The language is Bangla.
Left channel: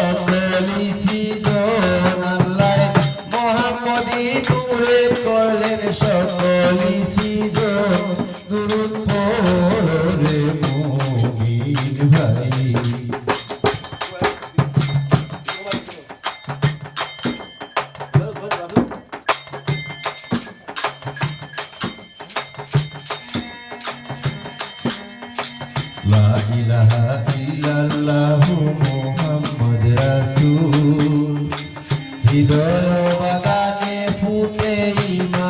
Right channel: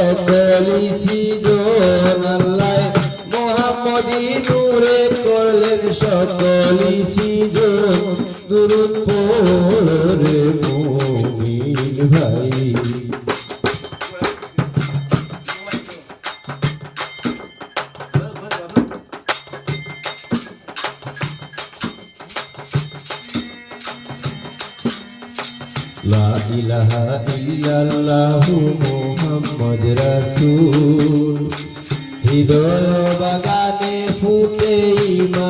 সকলি সৃজন আল্লাহ মোহাম্মদী নূরে করলেন সকলি সৃজন দুরূদ পড়ে মুমিন ভাই লা ইলাহা ইল্লাল্লাহু মুহাম্মদ রাসূল হৃদয় বাগানে ফুটে ঈমান